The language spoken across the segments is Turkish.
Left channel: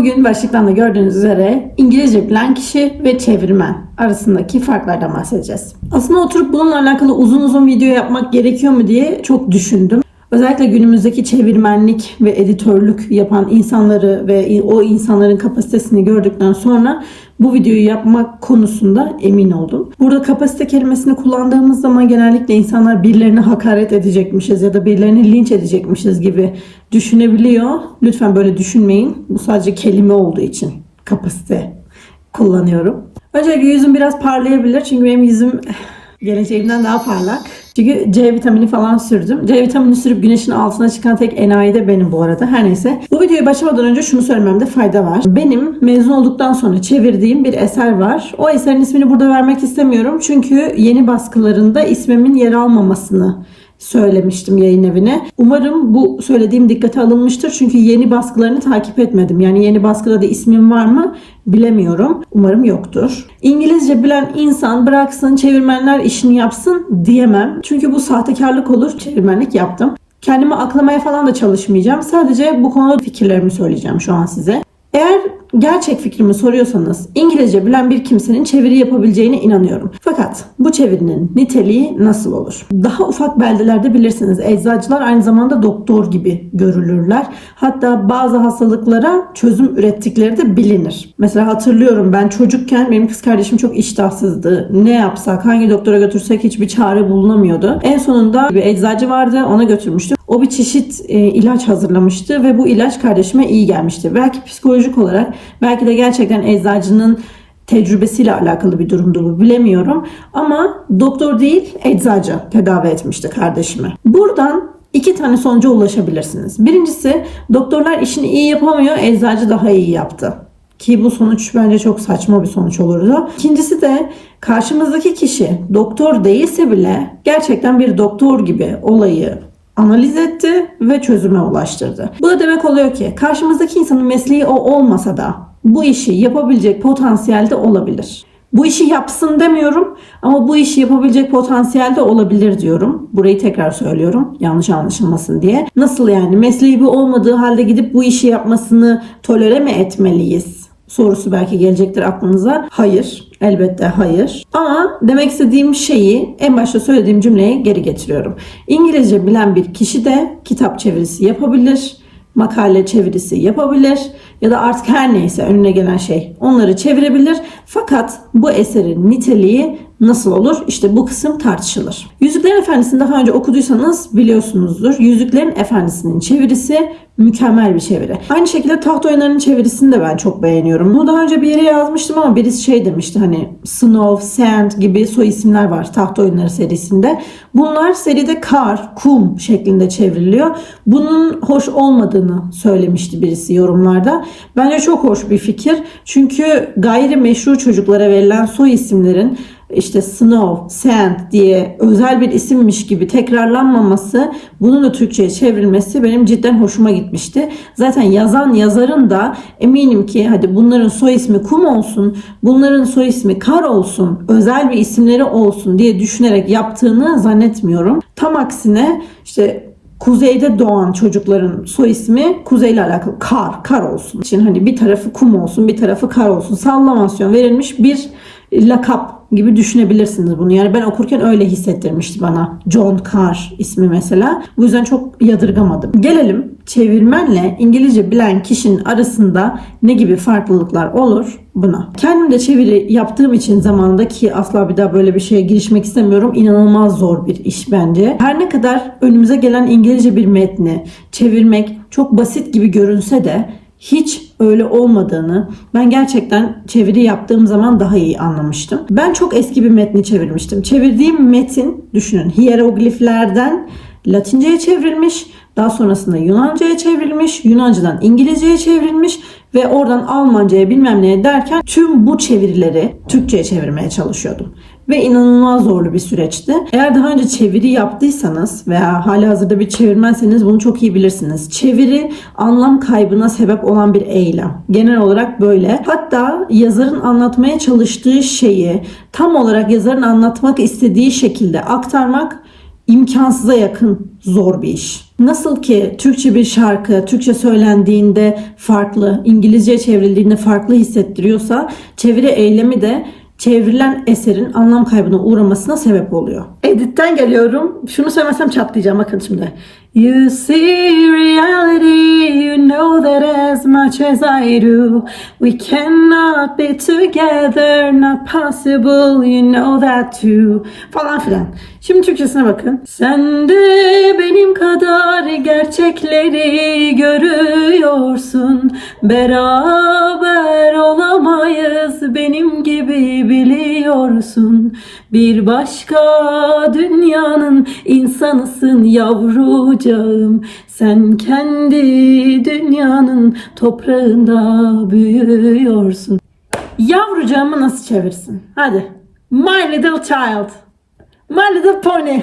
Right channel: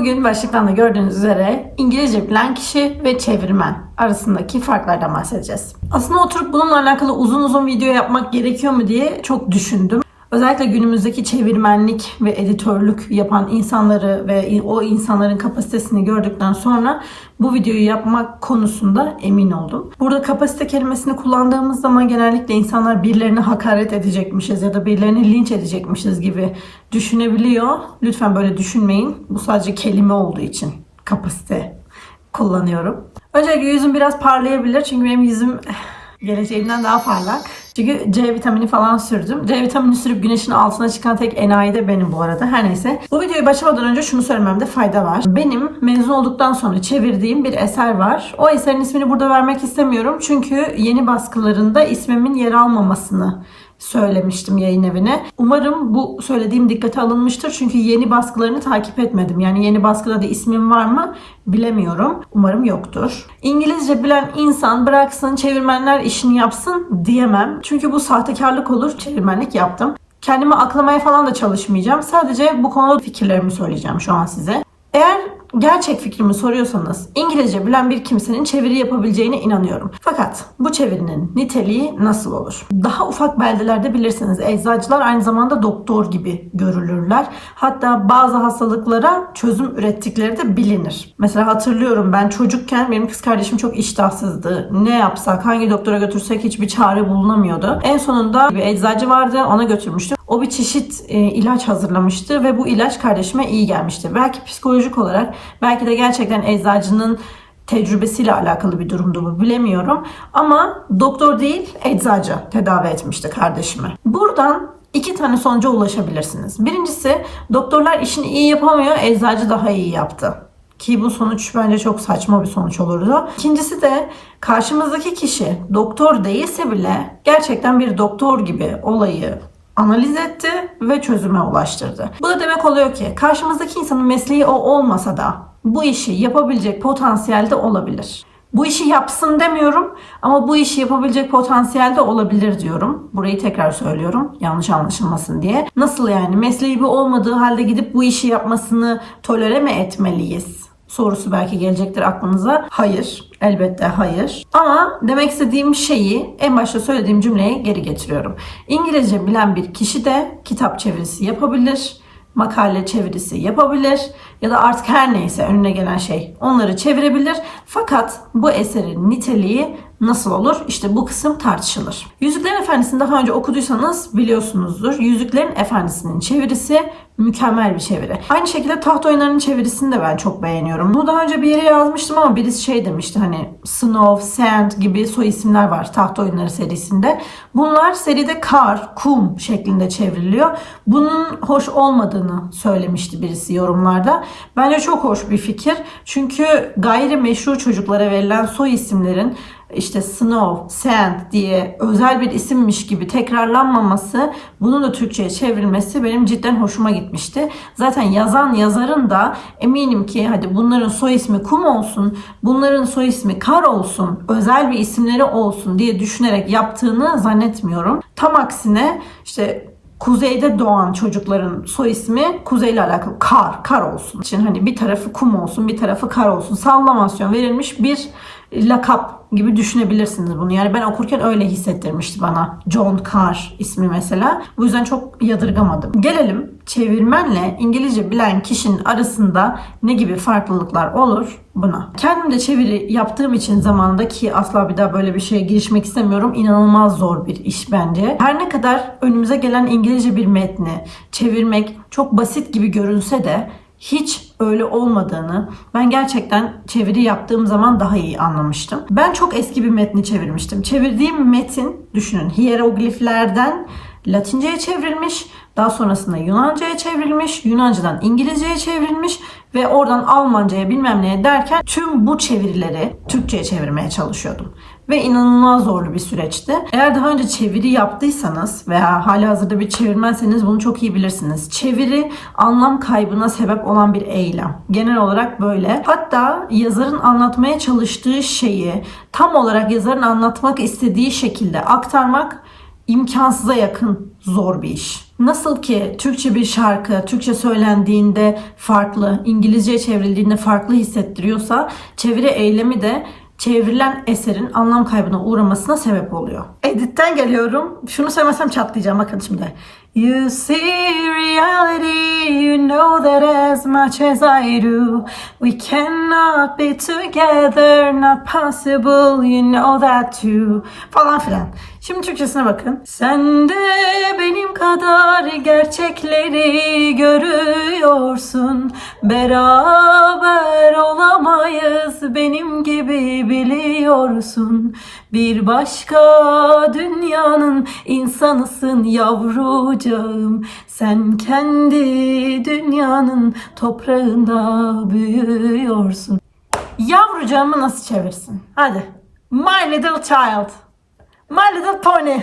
Bugün başlıktan da gördüğünüz üzere İngilizce bilen kişi ve çevirmen arasındaki farklardan bahsedeceğiz. Aslında oturup bununla alakalı uzun uzun video yapmak gerekiyor mu diye çok düşündüm. Özellikle günümüzdeki çevirmenlik ve editörlük yapan insanları ve o insanların kapasitesini gördükten sonra bu videoyu yapmak konusunda emin oldum. Burada kapasite kelimesini kullandığımız zaman genellikle insanlar birilerine hakaret edecekmişiz ya da birilerini linç edecekmişiz gibi düşünebiliyor. Lütfen böyle düşünmeyin. Bu sadece kelime olduğu için kapasite kullanıyorum. Öncelikle yüzüm biraz parlayabilir çünkü benim yüzüm geleceğimden daha parlak. Çünkü C vitamini falan sürdüm. C vitamini sürüp güneşin altına çıkan tek enayi de benim bu arada. Her neyse. Bu videoya başlamadan önce şunu söylememde fayda var. Benim mezun olduktan sonra çevirdiğim bir eser var. O eserin ismini burada vermek istemiyorum. Çünkü yeni baskılarında ismimin yer almamasını söylemiştim yayın evine. Umarım bu söylediğim dikkate alınmıştır. Çünkü yeni baskılarını takip etmedim. Yani yeni baskıda da ismim var mı bilemiyorum. Umarım yoktur. İngilizce bilen insan bıraksın çevirmenler işini yapsın diyemem. Çünkü bu sahtekarlık olur. Çevirmenlik yaptım. Kendimi aklamaya falan da çalışmayacağım. Sadece bu konuda fikirlerimi söyleyeceğim şu an size. Eğer gerçek fikrimi soruyorsanız İngilizce bilen bir kimsenin çeviri yapabileceğine inanıyorum. Fakat bu çevirinin niteliği nasıl olur? Daha ufak beldelerde bilirsiniz eczacılar aynı zamanda doktor gibi görülürler. Hatta bazı hastalıklara çözüm ürettikleri de bilinir. Mesela hatırlıyorum ben çocukken benim kız kardeşim çok iştahsızdı. Ne yapsak, hangi doktora götürsek hiçbir çare bulunamıyordu. En sonunda bir eczacı vardı ona götürmüştüm. O bir çeşit e, ilaç hazırlamıştı ve bu ilaç kardeşime iyi gelmişti. Belki psikolojik olarak, belki de gerçekten eczacının tecrübesiyle alakalı bir durumdu bu bilemiyorum. Ama doktor değil eczacı tedavi etmişti kardeşimi. Buradan iki tane sonuca ulaşabilirsiniz. Birincisi doktorlar işini iyi yapamıyor, eczacı daha iyi yaptı. Ki bu sonuç bence çok saçma bir sonuç olurdu. İkincisi de karşımızdaki kişi doktor değilse bile gerçekten bir doktor gibi olayı analiz etti ve çözüme ulaştırdı. Bu da demek oluyor ki karşımızdaki insanın mesleği o olmasa da bu işi yapabilecek potansiyelde olabilir. Bu işi yapsın demiyorum ama bu işi yapabilecek potansiyelde olabilir diyorum. Burayı tekrar söylüyorum yanlış anlaşılmasın diye. Nasıl yani mesleği bu olmadığı halde gidip bu işi yapmasını tolere mi etmeliyiz? Sorusu belki gelecektir aklınıza. Hayır. Elbette hayır. Ama demek istediğim şeyi en başta söylediğim cümleye geri getiriyorum. İngilizce bilen bir kişi de kitap çevirisi yapabilir, makale çevirisi yapabilir ya da artık her neyse önüne gelen şey onları çevirebilir. Fakat bu eserin niteliği nasıl olur? İşte bu kısım tartışılır. Yüzüklerin Efendisi'ni daha önce okuduysanız biliyorsunuzdur. Yüzüklerin Efendisi'nin çevirisi mükemmel bir çeviri. Aynı şekilde taht oyunlarının çevirisini de ben çok beğeniyorum. Bunu daha önce bir yere yazmıştım ama birisi şey demişti hani Snow, Sand gibi soy isimler var taht oyunları serisinde. Bunlar seride kar, kum şeklinde çevriliyor. Bunun hoş olmadığını söylemişti birisi yorumlarda. Bence çok hoş bir fikir. Çünkü gayri meşru çocuklara verilen soy isimlerin işte Snow, Sand diye özel bir isimmiş gibi tekrarlanmaması, bunun da Türkçe'ye çevrilmesi benim cidden hoşuma gitmişti. Zaten yazan yazarın da eminim ki hadi bunların soy ismi Kum olsun, bunların soy ismi Kar olsun, özel bir isimleri olsun diye düşünerek yaptığını zannetmiyorum. Tam aksine işte kuzeyde doğan çocukların soy ismi kuzeyle alakalı kar, kar olsun. için hani bir tarafı kum olsun, bir tarafı kar olsun. Sallamasyon verilmiş bir lakap gibi düşünebilirsiniz bunu. Yani ben okurken öyle hissettirmişti bana. John Carr ismi mesela. Bu yüzden çok yadırgamadım. Gelelim çevirmenle İngilizce bilen kişinin arasında ne gibi farklılıklar olur buna. Kendim de çeviri yaptığım için zamanında ki asla bir daha böyle bir şeye girişmek istemiyorum. İnanılmaz zor bir iş bence. Her ne kadar önümüze gelen İngilizce bir metni çevirmek çok basit gibi görünse de hiç öyle olmadığını ben gerçekten çeviri yaptığım zaman daha iyi anlamıştım. Ben çok eski bir metni çevirmiştim. Çevirdiğim metin düşünün hierogliflerden Latince'ye çevrilmiş. Daha sonrasında Yunanca'ya çevrilmiş, Yunanca'dan İngilizce'ye çevrilmiş ve oradan Almanca'ya bilmem neye derken tüm bu çevirileri Türkçe'ye çevirmeye çalışıyordum ve inanılmaz zorlu bir süreçti. Eğer daha önce çeviri yaptıysanız veya hali hazırda bir çevirmenseniz bunu çok iyi bilirsiniz. Çeviri anlam kaybına sebep olan bir eylem. Genel olarak böyle. Hatta yazarın anlatmaya çalıştığı şeyi tam olarak yazarın anlatmak istediği şekilde aktarmak imkansıza yakın zor bir iş. Nasıl ki Türkçe bir şarkı Türkçe söylendiğinde farklı, İngilizce çevrildiğinde farklı hissettiriyorsa çeviri eylemi de çevrilen eserin anlam kaybına uğramasına sebep oluyor. Editten geliyorum. Şunu söylemezsem çatlayacağım bakın şimdi. You see reality, you know that as much as I do, we cannot be together, not possible, you know that too. Falan filan. Şimdi Türkçesine bakın. Sen de benim kadar gerçekleri görüyorsun. Beraber olamayız benim gibi biliyorsun. Bir başka dünyanın insanısın yavrucağım. Sen kendi dünyanın toprağında büyüyorsun. Yavrucağımı nasıl çevirsin? Hadi. My little child. My Little Pony.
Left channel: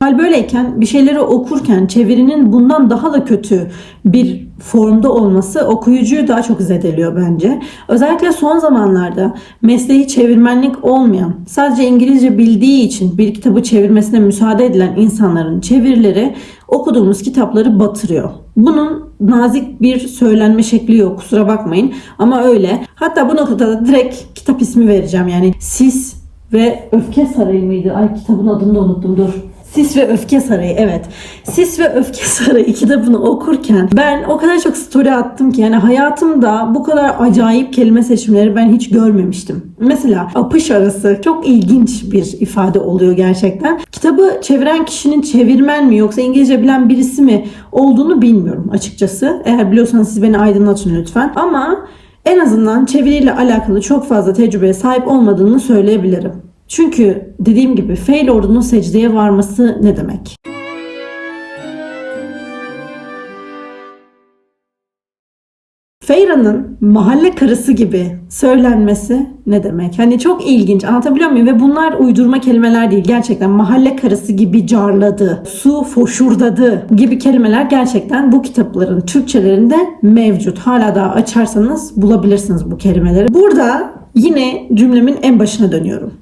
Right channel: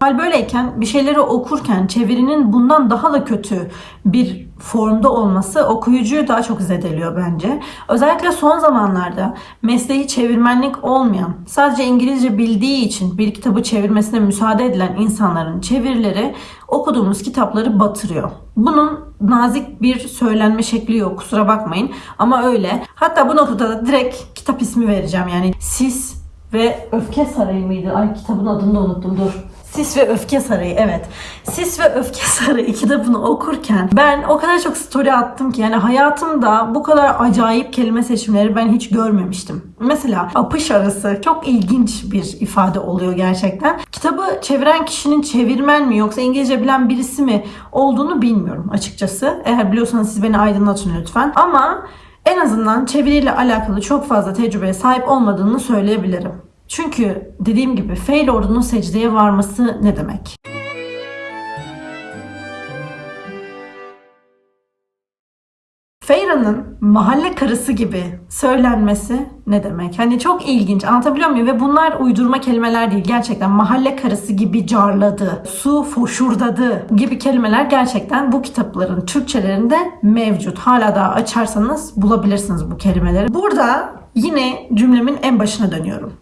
Hal böyleyken bir şeyleri okurken çevirinin bundan daha da kötü bir formda olması okuyucuyu daha çok zedeliyor bence. Özellikle son zamanlarda mesleği çevirmenlik olmayan, sadece İngilizce bildiği için bir kitabı çevirmesine müsaade edilen insanların çevirileri okuduğumuz kitapları batırıyor. Bunun nazik bir söylenme şekli yok kusura bakmayın ama öyle. Hatta bu noktada da direkt kitap ismi vereceğim yani Sis ve Öfke Sarayı mıydı? Ay kitabın adını da unuttum dur. Sis ve Öfke Sarayı evet. Sis ve Öfke Sarayı kitabını okurken ben o kadar çok story attım ki yani hayatımda bu kadar acayip kelime seçimleri ben hiç görmemiştim. Mesela apış arası çok ilginç bir ifade oluyor gerçekten. Kitabı çeviren kişinin çevirmen mi yoksa İngilizce bilen birisi mi olduğunu bilmiyorum açıkçası. Eğer biliyorsanız siz beni aydınlatın lütfen. Ama en azından çeviriyle alakalı çok fazla tecrübeye sahip olmadığını söyleyebilirim. Çünkü dediğim gibi fail ordunun secdeye varması ne demek? Feyra'nın mahalle karısı gibi söylenmesi ne demek? Hani çok ilginç anlatabiliyor muyum? Ve bunlar uydurma kelimeler değil. Gerçekten mahalle karısı gibi carladı, su foşurdadı gibi kelimeler gerçekten bu kitapların Türkçelerinde mevcut. Hala da açarsanız bulabilirsiniz bu kelimeleri. Burada yine cümlemin en başına dönüyorum.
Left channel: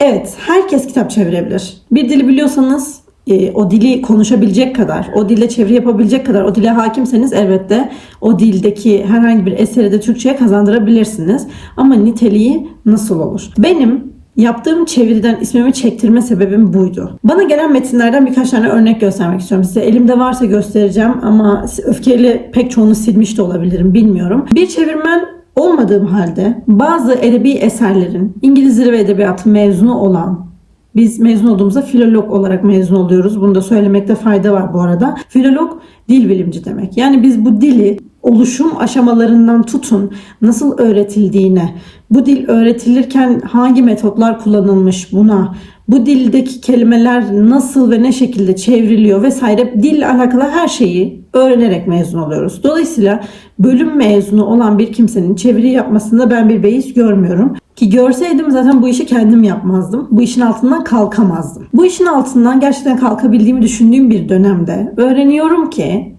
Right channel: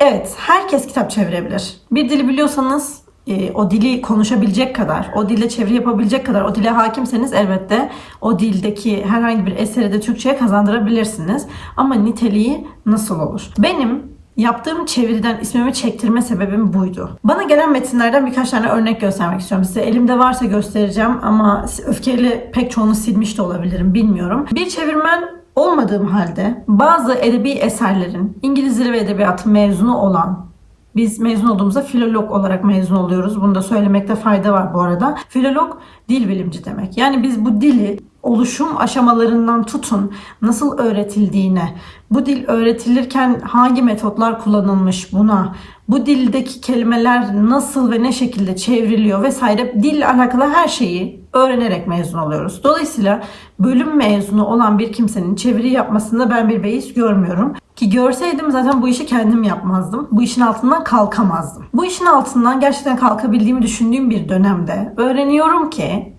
Evet, herkes kitap çevirebilir. Bir dili biliyorsanız e, o dili konuşabilecek kadar, o dilde çeviri yapabilecek kadar, o dile hakimseniz elbette o dildeki herhangi bir eseri de Türkçe'ye kazandırabilirsiniz. Ama niteliği nasıl olur? Benim yaptığım çeviriden ismimi çektirme sebebim buydu. Bana gelen metinlerden birkaç tane örnek göstermek istiyorum size. Elimde varsa göstereceğim ama öfkeyle pek çoğunu silmiş de olabilirim bilmiyorum. Bir çevirmen olmadığım halde bazı edebi eserlerin İngiliz Dili ve Edebiyatı mezunu olan biz mezun olduğumuzda filolog olarak mezun oluyoruz. Bunu da söylemekte fayda var bu arada. Filolog dil bilimci demek. Yani biz bu dili oluşum aşamalarından tutun nasıl öğretildiğine, bu dil öğretilirken hangi metotlar kullanılmış buna, bu dildeki kelimeler nasıl ve ne şekilde çevriliyor vesaire dille alakalı her şeyi öğrenerek mezun oluyoruz. Dolayısıyla bölüm mezunu olan bir kimsenin çeviri yapmasında ben bir beis görmüyorum. Ki görseydim zaten bu işi kendim yapmazdım. Bu işin altından kalkamazdım. Bu işin altından gerçekten kalkabildiğimi düşündüğüm bir dönemde öğreniyorum ki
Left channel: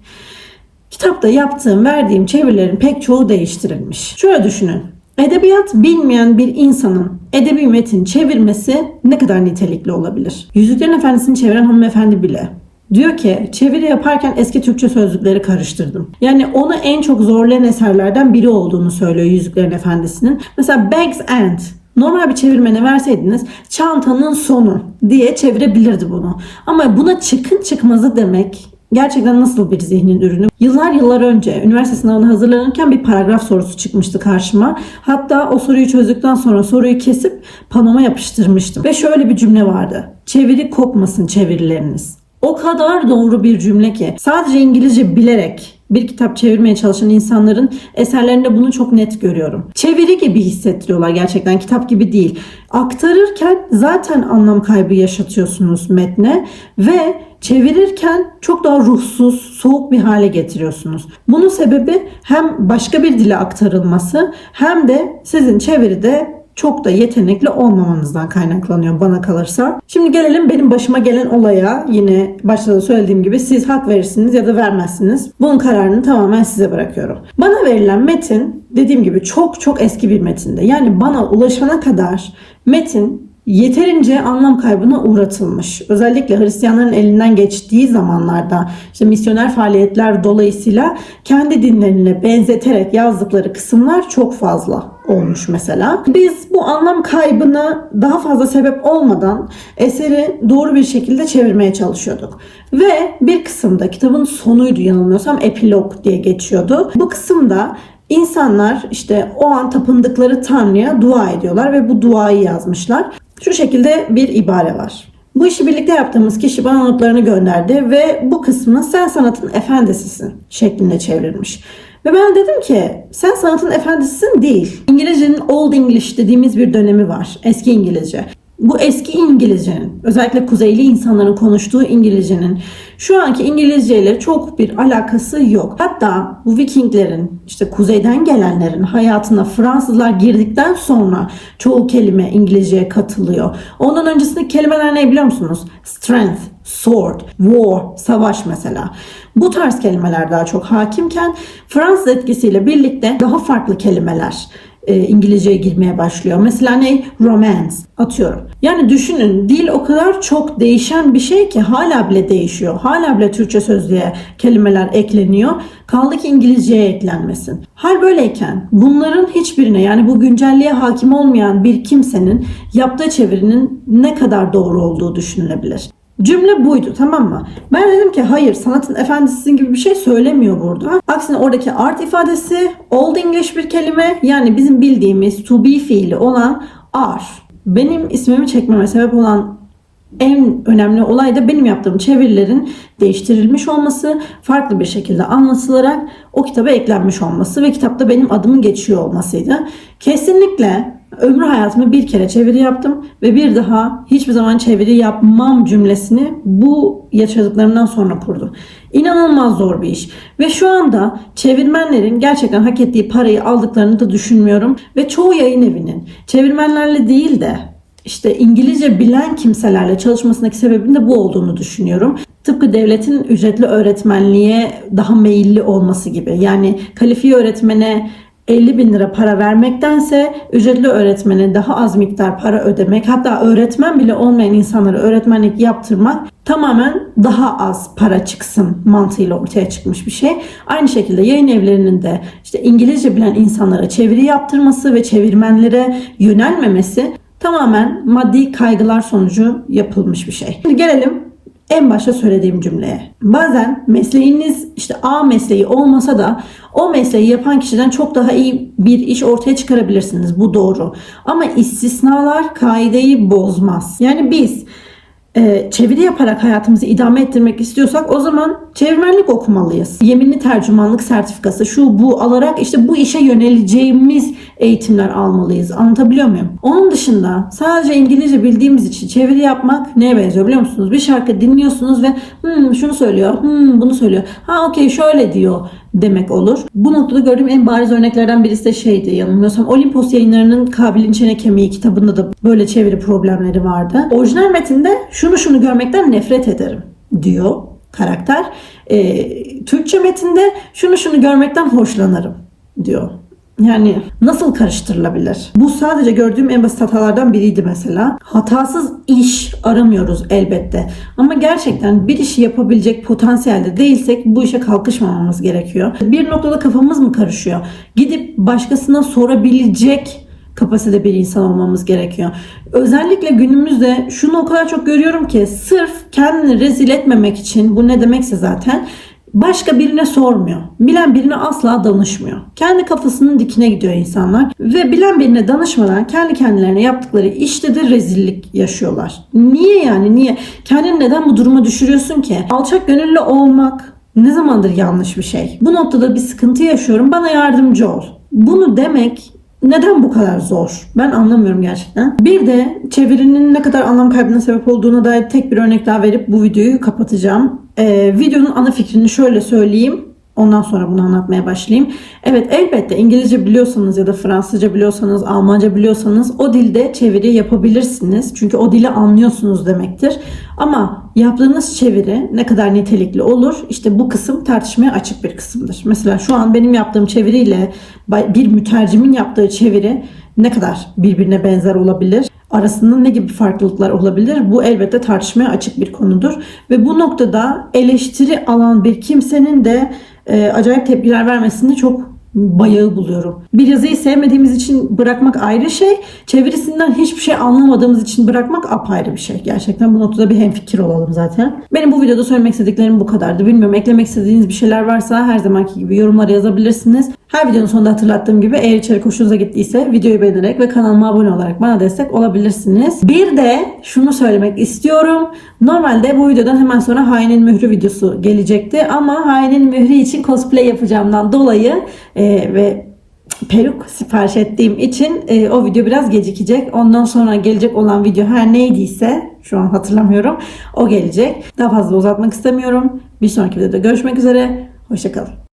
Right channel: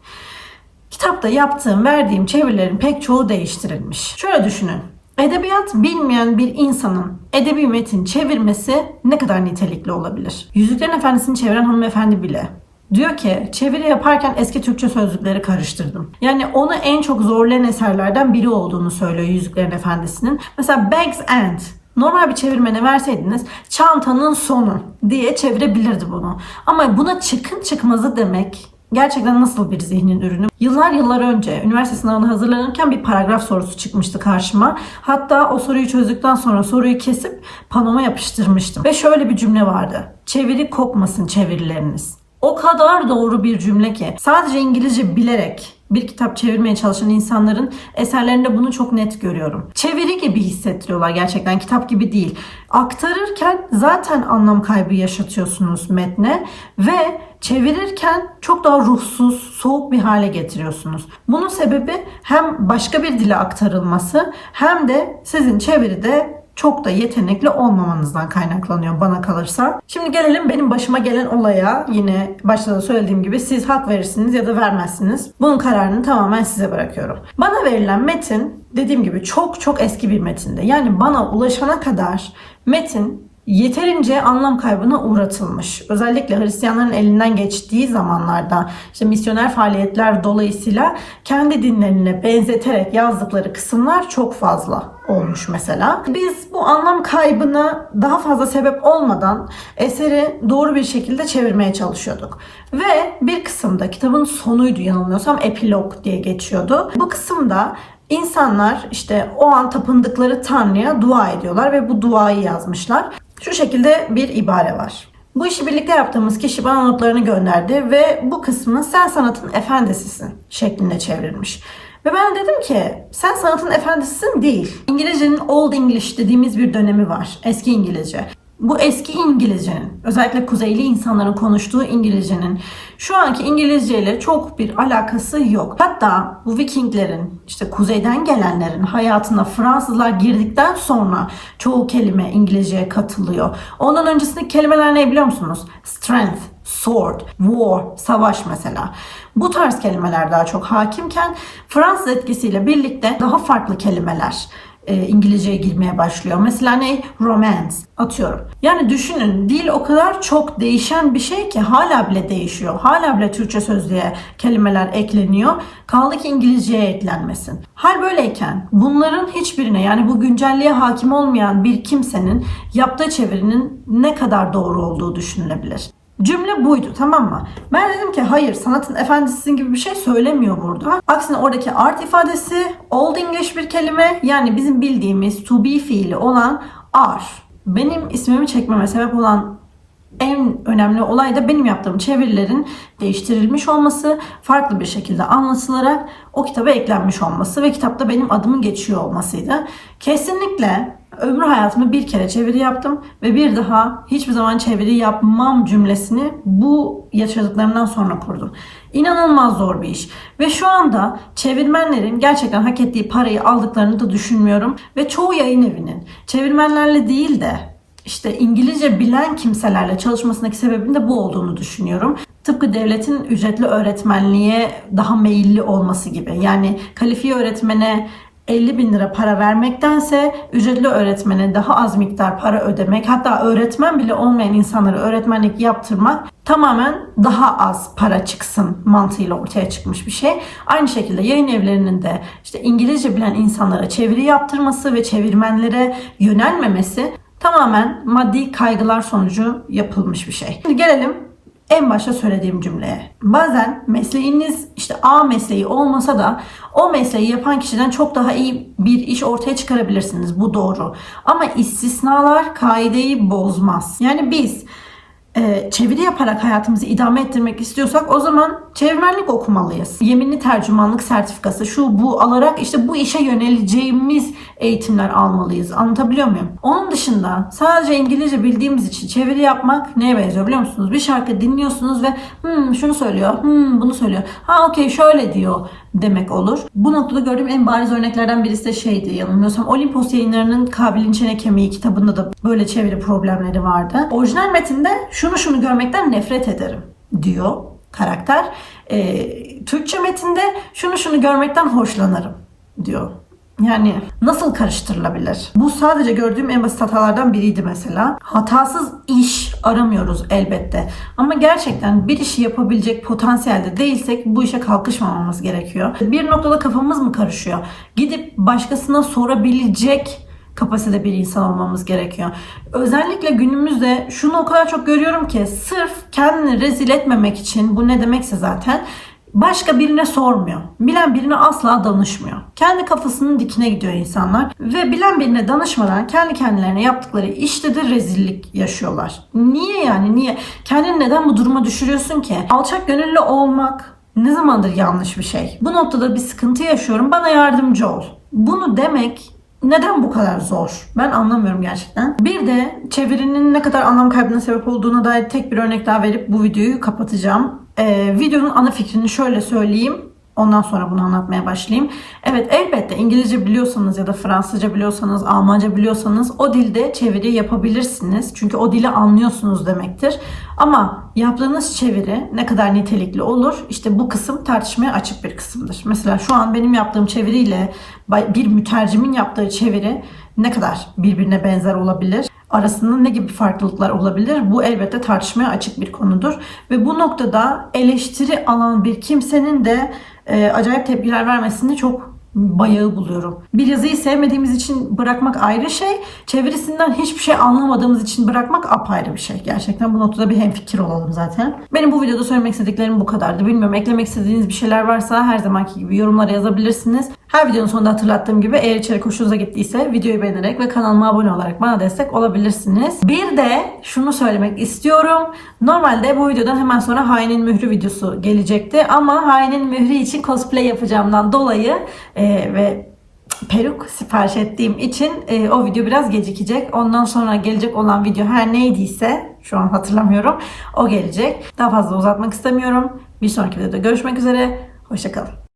kitapta yaptığım, verdiğim çevirilerin pek çoğu değiştirilmiş. Şöyle düşünün. Edebiyat bilmeyen bir insanın edebi metin çevirmesi ne kadar nitelikli olabilir? Yüzüklerin Efendisi'ni çeviren hanımefendi bile Diyor ki çeviri yaparken eski Türkçe sözlükleri karıştırdım. Yani onu en çok zorlayan eserlerden biri olduğunu söylüyor Yüzüklerin Efendisi'nin. Mesela Bank's End Normal bir çevirmene verseydiniz çantanın sonu diye çevirebilirdi bunu. Ama buna çıkın çıkmazı demek gerçekten nasıl bir zihnin ürünü? Yıllar yıllar önce üniversite sınavına hazırlanırken bir paragraf sorusu çıkmıştı karşıma. Hatta o soruyu çözdükten sonra soruyu kesip panoma yapıştırmıştım. Ve şöyle bir cümle vardı. Çeviri kopmasın çevirileriniz. O kadar doğru bir cümle ki sadece İngilizce bilerek bir kitap çevirmeye çalışan insanların eserlerinde bunu çok net görüyorum. Çeviri gibi hissettiriyorlar gerçekten kitap gibi değil. Aktarırken zaten anlam kaybı yaşatıyorsunuz metne ve çevirirken çok daha ruhsuz, soğuk bir hale getiriyorsunuz. Bunun sebebi hem başka bir dile aktarılması hem de sizin çeviride çok da yetenekli olmamanızdan kaynaklanıyor bana kalırsa. Şimdi gelelim benim başıma gelen olaya. Yine başta da söylediğim gibi siz hak verirsiniz ya da vermezsiniz. Bunun kararını tamamen size bırakıyorum. Bana verilen metin dediğim gibi çok çok eski bir metinde. Yani bana ulaşana kadar metin yeterince anlam kaybına uğratılmış. Özellikle Hristiyanların elinden geçtiği zamanlarda işte misyoner faaliyetler dolayısıyla kendi dinlerine benzeterek yazdıkları kısımlar çok fazla olmuş mesela. Biz bu anlam kaybına daha fazla sebep olmadan eseri doğru bir şekilde çevirmeye çalışıyorduk. Ve bir kısımda kitabın sonuydu yanılmıyorsam epilog diye geçiyordu. Bu kısımda insanlar işte o an tapındıkları Tanrı'ya dua ediyorlar ve bu duayı yazmışlar. Şu şekilde bir ibare var. Bu işi birlikte yaptığımız kişi bana notlarını gönderdi ve bu kısmını sen sanatın efendisisin şeklinde çevrilmiş. Ve ben dedim ki sen sanatın efendisisin değil. İngilizcenin Old English dediğimiz bir dönemi var. Eski İngilizce. Bu eski İngilizcenin, özellikle kuzeyli insanların konuştuğu İngilizcenin şu anki İngilizce ile çok bir alakası yok. Hatta bu Vikinglerin, işte kuzeyden gelenlerin hayatına Fransızlar girdikten sonra çoğu kelime İngilizceye katılıyor. Ondan öncesindeki kelimeler ne biliyor musunuz? Strength, sword, war, savaş mesela. Bu tarz kelimeler daha çok hakimken Fransız etkisiyle birlikte daha farklı kelimeler e, İngilizceye girmeye başlıyor. Mesela ne? Romance atıyorum. Yani düşünün dil o kadar çok değişen bir şey ki hala bile değişiyor. Hala bile Türkçe sözlüğe kelimeler ekleniyor. Kaldı ki İngilizceye eklenmesin. Hal böyleyken bunların hiçbirine yani bu güncelliğe hakim olmayan bir kimsenin yaptığı çevirinin ne kadar doğru olduğu düşünülebilir. Cümle buydu tamam mı? Ben dedim ki hayır sanatın efendisisin gibi bir şey söylemiyor burada. Aksine oradaki art ifadesi Old English bir kelime yani bizim bildiğimiz to be fiili olan are. Benim ismimi çekmeme sebep olan en önemli olay da benim yaptığım çevirilerin değiştirilmiş olması, farklı bir şekilde anlatılarak o kitaba eklenmiş olması ve kitapta benim adımın geçiyor olmasıydı. Kesinlikle ömrü hayatımda bir kere çeviri yaptım ve bir daha hiçbir zaman çeviri yapmam cümlesini bu yaşadıklarımdan sonra kurdum. İnanılmaz zor bir iş. Ve şu anda çevirmenlerin gerçekten hak ettiği parayı aldıklarını da düşünmüyorum. Ve çoğu yayın evinin çevirmenlerle değil de işte İngilizce bilen kimselerle çalışmasındaki sebebin de bu olduğunu düşünüyorum. Tıpkı devletin ücretli öğretmenliğe daha meyilli olması gibi. Yani kalifiye öğretmene 50 bin lira para vermektense ücretli öğretmene daha az miktar para ödemek hatta öğretmen bile olmayan insanlara öğretmenlik yaptırmak tamamen daha az para çıksın mantığıyla ortaya çıkmış bir şey. Aynı şekilde yayın evlerinin de işte İngilizce bilen insanlara çeviri yaptırması ve çevirmenlere yönelmemesi tamamen maddi kaygılar sonucu yapılmış bir şey. Şimdi gelelim en başta söylediğim cümleye. Bazen mesleğiniz işte A mesleği olmasa da o mesleği yapan kişiden çok daha iyi bir iş ortaya çıkarabilirsiniz. Bu doğru. Ama istisnalar kaideyi bozmaz. Yani biz e, çeviri yaparak hayatımızı idame ettirmek istiyorsak o zaman çevirmenlik okumalıyız. Yeminli tercümanlık sertifikası şu bu alarak işte bu işe yöneleceğimiz eğitimler almalıyız. Anlatabiliyor muyum? Onun dışında sadece İngilizce bildiğimiz için çeviri yapmak neye benziyor biliyor musunuz? Bir şarkı dinliyorsunuz ve hmm, şunu söylüyor, hmm, bunu söylüyor. Ha okey şöyle diyor demek olur. Bu noktada gördüğüm en bariz örneklerden birisi de şeydi yanılmıyorsam Olimpos yayınlarının Kabil'in Çene Kemiği kitabında da böyle çeviri problemleri vardı. Orijinal metinde şunu şunu görmekten nefret ederim diyor karakter. Ee, Türkçe metinde şunu şunu görmekten hoşlanırım diyor. Yani nasıl karıştırılabilir? Bu sadece gördüğüm en basit hatalardan biriydi mesela. Hatasız iş aramıyoruz elbette. Ama gerçekten bir işi yapabilecek potansiyelde değilsek bu işe kalkışmamamız gerekiyor. Bir noktada kafamız mı karışıyor? Gidip başkasına sorabilecek kapasite bir insan olmamız gerekiyor. Özellikle günümüzde şunu o kadar çok görüyorum ki sırf kendini rezil etmemek için bu ne demekse zaten başka birine sormuyor. Bilen birine asla danışmıyor. Kendi kafasının dikine gidiyor insanlar ve bilen birine danışmadan kendi kendilerine yaptıkları işte de rezillik yaşıyorlar. Niye yani niye? Kendini neden bu duruma düşürüyorsun ki? Alçak gönüllü olmak ne zamandır yanlış bir şey? Bu noktada bir sıkıntı yaşıyorum. Bana yardımcı ol. Bunu demek neden bu kadar zor? Ben anlamıyorum gerçekten. Bir de çevirinin ne kadar anlam kaybına sebep olduğuna dair tek bir örnek daha verip bu videoyu kapatacağım. Ee, videonun ana fikrini şöyle söyleyeyim. Ondan sonra bunu anlatmaya başlayayım. Evet elbette İngilizce biliyorsanız ya da Fransızca biliyorsanız, Almanca biliyorsanız o dilde çeviri yapabilirsiniz. Çünkü o dili anlıyorsunuz demektir. Ama yaptığınız çeviri ne kadar nitelikli olur? İşte bu kısım tartışmaya açık bir kısımdır. Mesela şu an benim yaptığım çeviriyle bir mütercimin yaptığı çeviri ne kadar birbirine benzer olabilir? Arasında ne gibi farklılıklar olabilir? Bu elbette tartışmaya açık bir konudur. Ve bu noktada eleştiri alan bir kimsenin de e, acayip tepkiler vermesini çok bayağı buluyorum. Bir yazıyı sevmediğimiz için bırakmak ayrı şey, çevirisinden hiçbir şey anlamadığımız için bırakmak apayrı bir şey. Gerçekten bu noktada bir hemfikir olalım zaten. Benim bu videoda söylemek istediklerim bu kadardı. Bilmiyorum eklemek istediğiniz bir şeyler varsa her zamanki gibi yorumlara yazabilirsiniz. Her videonun sonunda hatırlattığım gibi eğer içerik hoşunuza gittiyse videoyu beğenerek ve kanalıma abone olarak bana destek olabilirsiniz. Bir de şunu söylemek istiyorum. Normalde bu videodan hemen sonra Hainin Mührü videosu gelecekti ama Hainin Mührü için cosplay yapacağımdan dolayı e, ve peruk sipariş ettiğim için e, o video biraz gecikecek. Ondan sonra gelecek olan video her neydiyse şu an hatırlamıyorum o gelecek. Daha fazla uzatmak istemiyorum. Bir sonraki videoda görüşmek üzere. Hoşçakalın.